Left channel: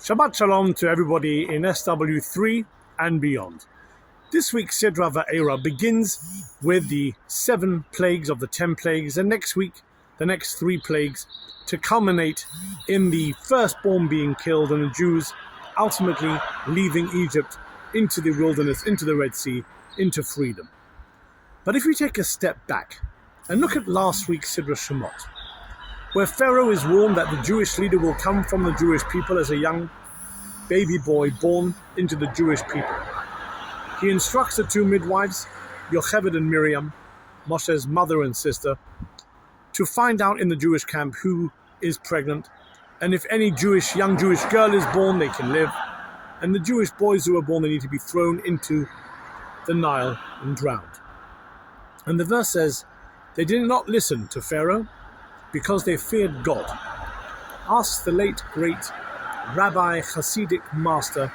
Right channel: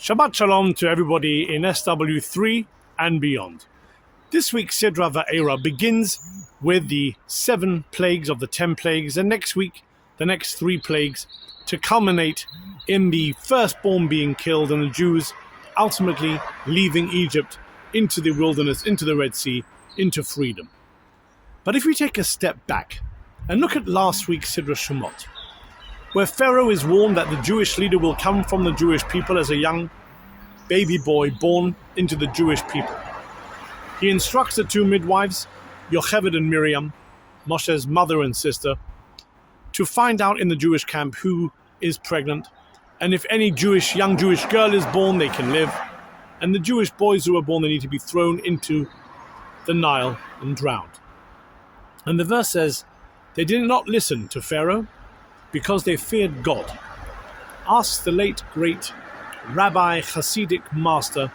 Shabbat Shalom to everybody in SW3 and beyond. This week's Sidra Vaera begins with the 7 plagues of the 10 plagues, and next week, the next 3 plagues, to culminate in the firstborn being killed and the Jews ultimately leaving Egypt into the wilderness, into the Red Sea, into freedom. But if we take a step back and look at last week's Sidra Shemot, where Pharaoh is warned that the Jewish leader will come from the Jewish people as a young baby boy born into the Jewish people. He instructs the 2 midwives, Yocheved and Miriam, Moshe's mother and sister, to find out in the Jewish camp who is pregnant, and if any young Jewish girl is born, they can live, and the Jewish boys who are born, they need to be thrown into the Nile and drowned. And the verse says, they did not listen to Pharaoh, because they feared God. Ask the late great Rabbi Hasidic master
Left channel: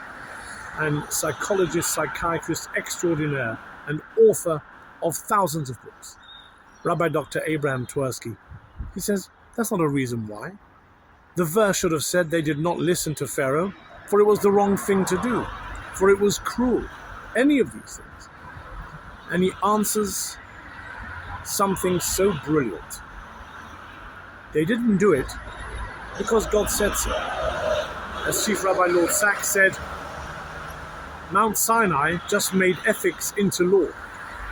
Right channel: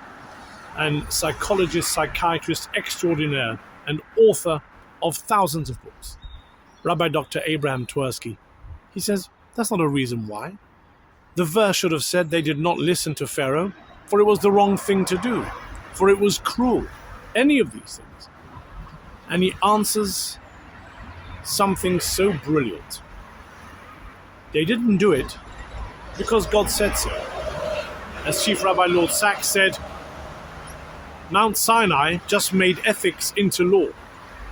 and psychologist, psychiatrist extraordinaire and author of thousands of books, Rabbi Dr. Abraham Twersky. He says, that's not a reason why. The verse should have said they did not listen to Pharaoh, for it was the wrong thing to do, for it was cruel, any of these things. And he answers something so brilliant. They didn't do it because God said so. As Chief Rabbi Lord Sachs said, Mount Sinai just made ethics into law.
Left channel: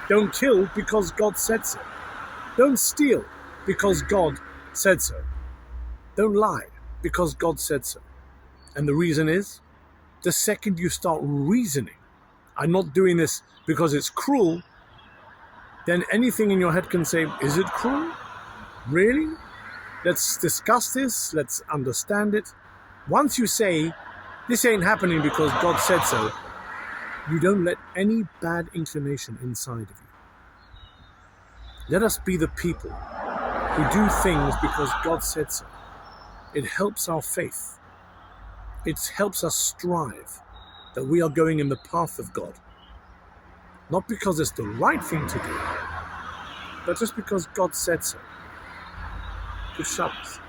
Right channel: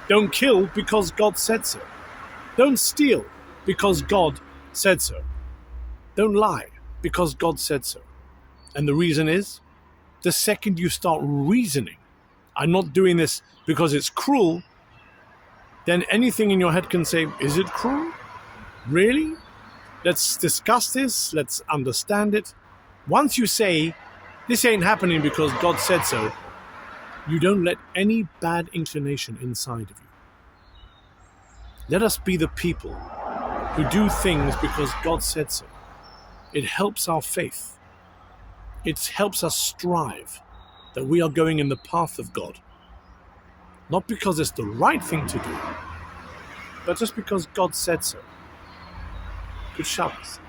Don't kill because God said so. Don't steal because God said so. Don't lie because God said so. And the reason is, the second you start reasoning, I'm not doing this because it's cruel, then anything in your head can say, is it cruel? Really? Let's discuss this, let's understand it. Once you say, this ain't happening because God said so, you don't let any bad inclination inside of you. Let us be the people who do things because God said so. It helps our faith. It helps us strive that we are going in the path of God. Not because it's the right thing to do, but just because God said so. Good Shabbos.